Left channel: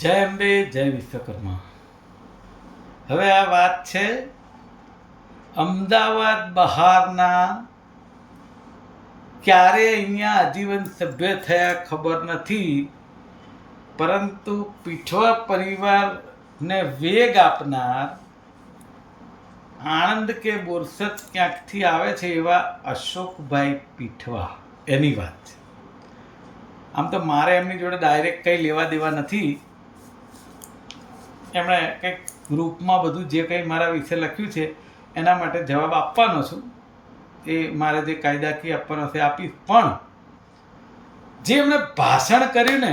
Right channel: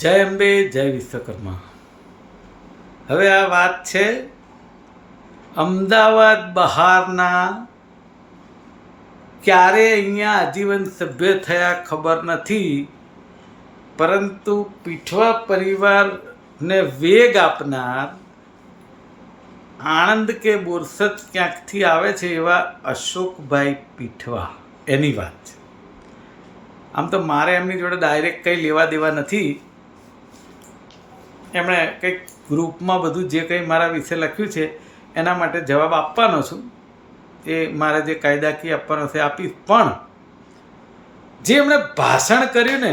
જય અંબે જય વિશ્વકર્મા. હવે આ વાત છે અમદાવાદ બહારના. ક્યારે અહીંયા આજીવન સભ્ય થયા ખબર નથી, પરંતુ પીઠવા પરિવારને વેગ આપનાર આણંદ કે બોરસદ ક્યાંકથી આવે છે એવા અશોકભાઈ પીઠવા, એની વાત છે. આમ તો મારે એમની જોડે ડાયરેક્ટ કંઈ લેવા દેવા નથી. એમણે કંઈક ગ્રુપમાં બધું જે કંઈ મારા વિશે લખ્યું છે એના માટે જવાબ આપવાનો છું. એ મારે જે કાયદાકીય આપવાનો છે આપીશ. પણ જે એમણે ભાષણ કર્યું ને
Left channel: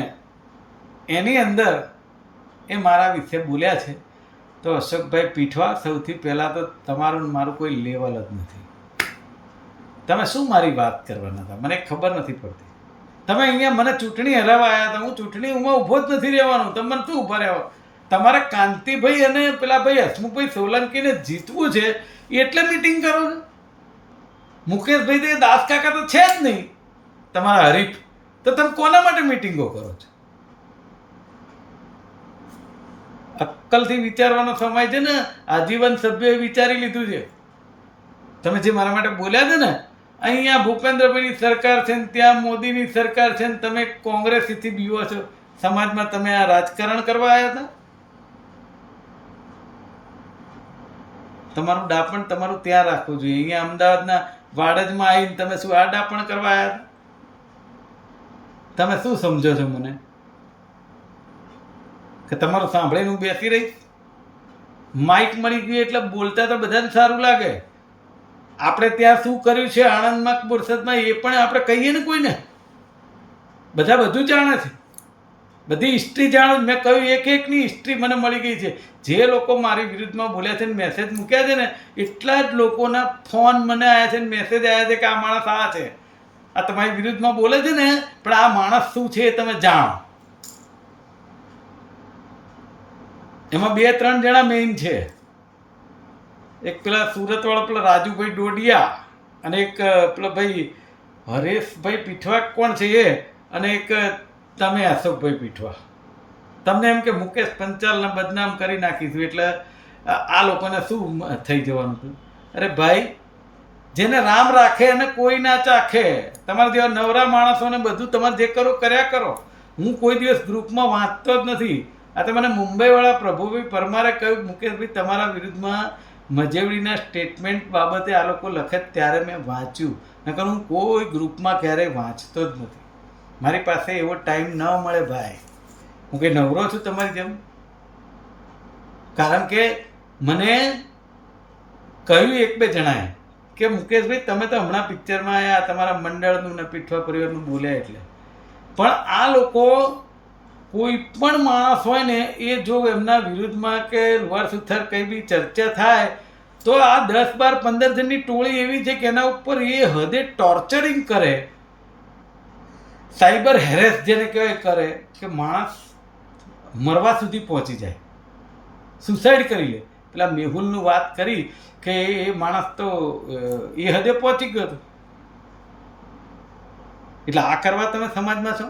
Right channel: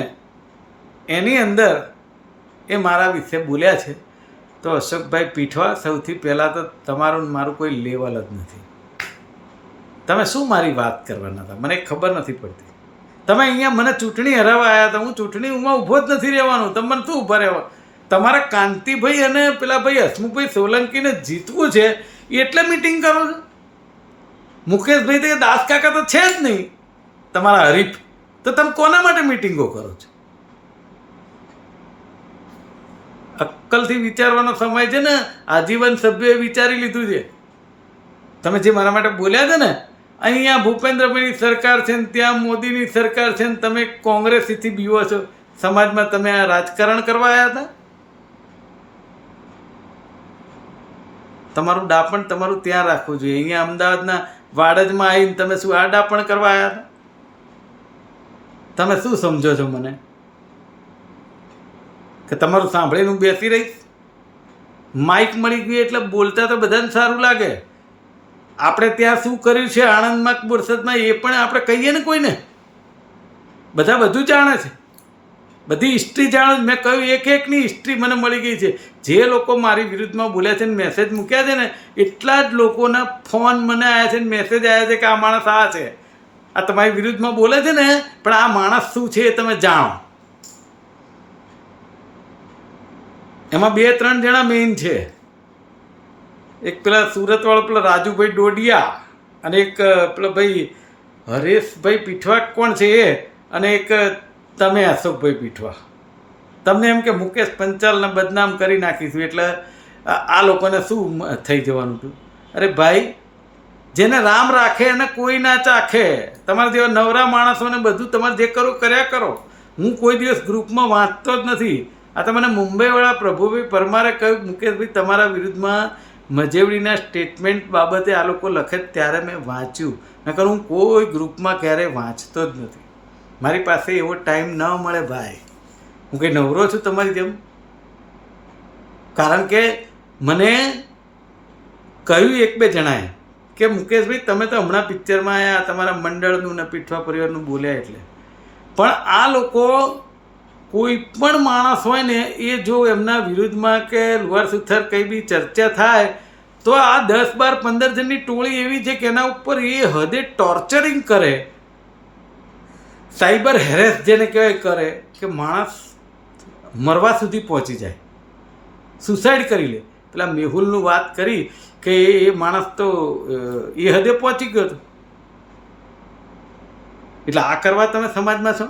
એની અંદર એ મારા વિશે બોલ્યા છે. તો અશોકભાઈ પીઠવા, સૌથી પહેલાં તો તમારું મારું કોઈ લેવલ જ નથી. તમે શું મારી વાત કરવાના હતા મને ખબર નથી પડતી. તમે અહીંયા મને ચૂંટણી હરાવવા આવ્યા હતા, હું ચૂંટણીમાં ઊભો જ નથી રહેવાનું. તમે મને શું ઊભા રહેવા? તમારે કાંતિભાઈ અને પેલા ભાઈ હસમુખભાઈ સોલંકીને જીતવું છે એટલે મિટિંગ કરો છો. મુકેશભાઈ તો દાસ કાકા તો છે જ નહીં તમારા હરીફ, તો તમે કોના માટે મિટિંગો કરો છો? અક્કલથી વિચારવાનો સમય છે ને. આજીવન સભ્યોએ વિચારી લીધું છે. તમે જે મારા માટે બોલ્યા છે ને, અહીંયા ભૂપેન્દ્રભાઈની સરકાર છે ને ત્યાં મોદીની સરકાર છે ને તમે કોંગ્રેસથી બીવો છો. સમાજમાં તમે આ રાજકારણ કરવા આવ્યા હતા? તમારું ડાપણ તમારું ત્યાં રાખવું જોઈએ. અહીંયા અમદાવાદના વાડજમાં આવીને તમે શું આ ડાપણ કરવા આવ્યા હતા? તમે શું સમજો છો મને? કે તમારું સાંભળીને હું બેસી રહીશ? માઇક મળી ગયું એટલે બોલતા તો બધાને સારું લાગે. આપણે ત્યાં શું કર્યું છે આણંદમાં બોરસદમાં એ પણ આપણે કહીએ ને કોઈને. બધા બધું જાણે છે, બધી હિસ્ટ્રી જાણું. મેં કહ્યું એક એકની હિસ્ટ્રી મને મળી ગઈ છે. જે લોકો મારી વિરુદ્ધમાં બોલ્યા છે ને મેસેજ મૂક્યા છે ને, એટલા જ લોકોના ફોન મને આવ્યા છે ને મેસેજ આવ્યા છે કે આ માણસ આ છે, આ તમારી વિરુદ્ધમાં બોલે છે ને, પણ આ માણસ શું છે એ તમે જાણો. એમાં 2-3 જણા મેઇન છે. એક પેલા સુરતવાળો પેલા રાજુભાઈ ડોડિયા, અને એક પેલો ભાઈ હરેશભાઈ પીઠવા કોણ છે એ, અને એક તમે અશોકભાઈ પીઠવા. તમને એમ કે મુકેશ પંચાલને બદનામ કરી નાખીશું એટલે આ લોકોને શું થઈ જવાનું હતું? અરે ભાઈ, જેને રામ રાખે અને કોઈ ના ચાખે. તમારા જેવા નવરા માણસોને બધું તમારે જે કરો કર્યા કરો. હું કોઈ દિવસ ગ્રુપમાં વાંચતો જ નથી. આ તો મને મુંબઈવાળા પ્રભુભાઈ પરમારે કહ્યું મુકેશભાઈ તમારા વિરુદ્ધમાં મજેવડીના સ્ટેટમેન્ટ બાબતે આ લોકો લખે ત્યારે મેં વાંચ્યું. નકર હું કોઈ ગ્રુપમાં ક્યારેય વાંચતો જ નથી. મારી પાસે એવો ટાઈમ ન મળે ભાઈ. હું કંઈ નવરો છું તમારી જેમ? કારણ કે મને કહ્યું 1-2 જણાએ કે મુકેશભાઈ તમે તો હમણાં પિક્ચરમાં આવ્યા, તમારા મંડળનું ને પીઠવા પરિવારનું બોલ્યા એટલે. પણ આ લોકો કોઈ પણ માણસ હોય ને એ જો એમના વિરુદ્ધમાં કે લુહાર સુથાર કંઈ બી ચર્ચા થાય તો આ 10-12-15 જણની ટોળી એવી છે કે એના ઉપર એ હદે ટોર્ચરિંગ કરે, સાયબર હેરેસ જેને કહેવાય કરે, કે માણસ મરવા સુધી પહોંચી જાય, સુસાઇડ કરી લે. પેલા મેહુલનું વાત કરી કે એ માણસ તો એ હદે પહોંચી ગયો હતો. એટલે આ કરવા તમે સમાજમાં છો?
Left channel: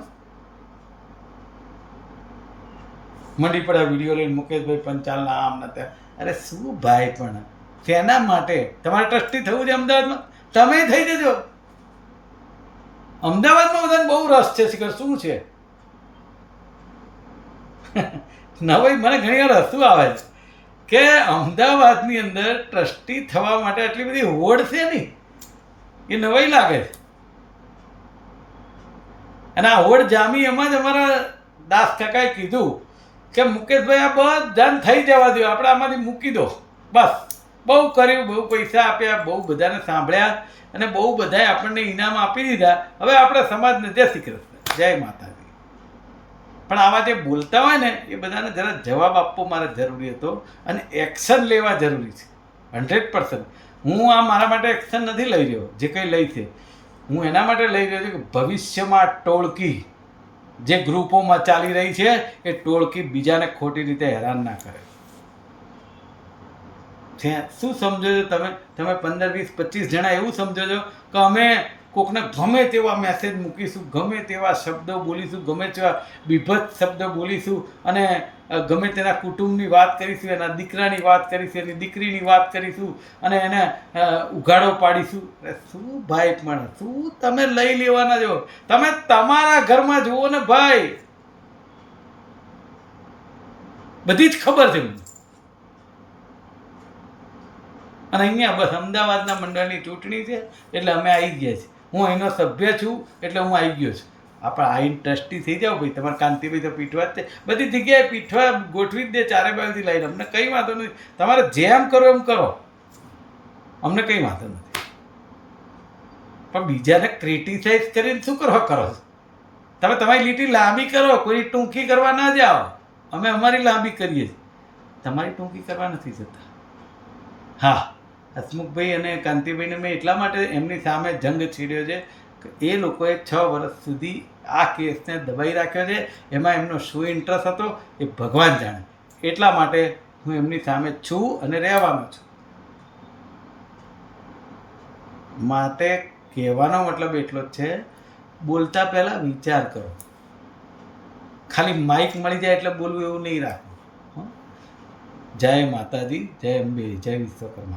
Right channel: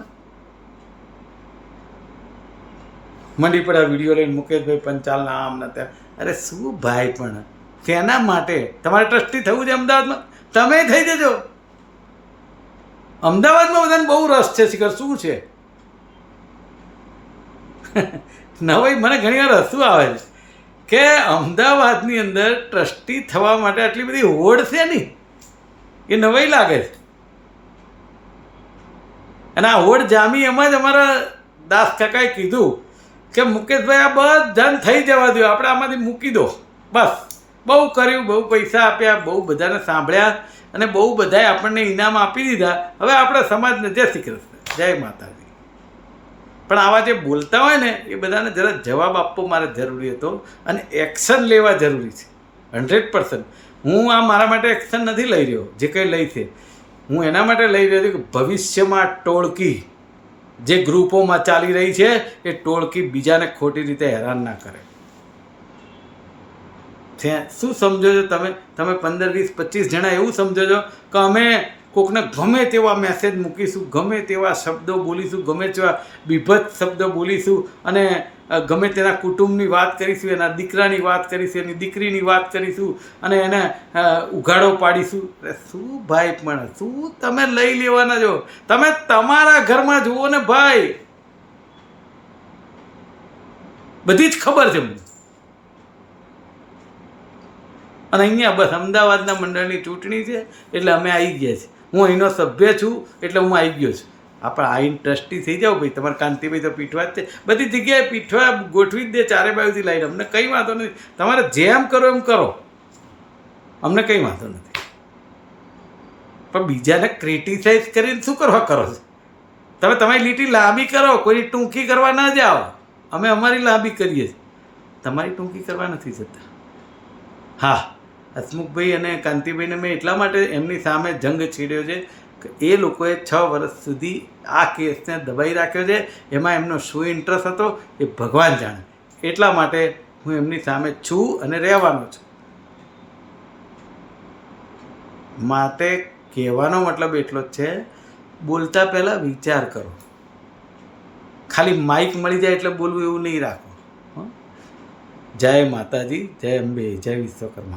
મંડી પડ્યા વિડીયો લઈને મુકેશભાઈ પંચાલના આમના ત્યાં. અરે શું ભાઈ, પણ શેના માટે? તમારે ટ્રસ્ટી થવું છે અમદાવાદમાં? તમે થઈ જજો. અમદાવાદમાં બધાને બહુ રસ છે. શિખર શું છે નવાઈ મને ઘણી વાર હસવું આવે છે કે અમદાવાદની અંદર ટ્રસ્ટી થવા માટે આટલી બધી હોડ છે નહીં, એ નવાઈ લાગે છે. અને આ હોડ જામી એમાં જ અમારા દાસ કાકાએ કીધું કે મુકેશભાઈ આ બધાને થઈ જવા દો, આપણે આમાંથી મૂકી દો બસ. બહુ કર્યું, બહુ પૈસા આપ્યા, બહુ બધાને સાંભળ્યા અને બહુ બધાએ આપણને ઇનામ આપી દીધા. હવે આપણે સમાજને જય શ્રી કૃષ્ણ, જય માતાજી. પણ આવા જે બોલતા હોય ને એ બધાને જરા જવાબ આપવો મારે જરૂરી હતો અને એક્શન લેવા જરૂરી છે 100%. હું આ મારા માટે એક્શન નથી લઈ રહ્યો. જે કંઈ લઈ છે હું એના માટે લઈ રહ્યો છું કે ભવિષ્યમાં ટોળકી જે ગ્રુપોમાં ચાલી રહી છે એ ટોળકી બીજાને ખોટી રીતે હેરાન ના કરે. શું સમજો છો તમે? તમે 15-20-25 જણા એવું સમજો છો કે અમે કોકને ગમે તેવા મેસેજ મૂકીશું, ગમે તેવા શબ્દો બોલીશું, ગમે તેવા બીભત્સ શબ્દો બોલીશું અને ગમે તેના કુટુંબની વાત કરીશું, એના દીકરાની વાત કરીશું, એની દીકરીની વાત કરીશું અને એને ઉઘાડો પાડીશું. શું ભાઈ, પણ શું તમે લઈ લેવાના છો? તમે તમારા ઘરમાં જુઓ ને ભાઈ, બધી જ ખબર છે મને. અને અહીંયા બસ અમદાવાદના મંડળની ચૂંટણી છે એટલે અમે આવી ગયા છીએ. હું અહીંનો સભ્ય છું એટલે હું આવી ગયો છું. આપણે આઈને ટ્રસ્ટી થઈ જાઓ ભાઈ. તમારે કાંતિભાઈ તો પીઠવા જ છે, બધી જગ્યાએ પીઠવા ગોઠવી જ દે ચારે બાજુથી લાઈને. અમને કંઈ વાંધો નથી, તમારે જેમ કરો એમ કરો, અમને કંઈ વાંધો નથી. પણ બીજાને ક્રિટિસાઇઝ કરીને શું કરવા કરો છો? તમે તમારી લીટી લાંબી કરો, કોઈની ટૂંકી કરવા ના જાઓ. અમે અમારી લાંબી કરીએ છીએ, તમારી ટૂંકી કરવા નથી જતા. હા, હસમુખભાઈ અને કાંતિભાઈને મેં એટલા માટે એમની સામે જંગ છેડ્યો છે કે એ લોકોએ 6 વર્ષ સુધી આ કેસને દબાઈ રાખ્યો છે. એમાં એમનો શું ઇન્ટરેસ્ટ હતો એ ભગવાન જાણે. એટલા માટે હું એમની સામે છું અને રહેવાનો છું. માટે કહેવાનો મતલબ એટલો જ છે, બોલતા પહેલાં વિચાર કરો. ખાલી માઇક મળી જાય એટલે બોલવું એવું નહીં રાખો. જય માતાજી, જય અંબે, જય વિશ્વકર્મા.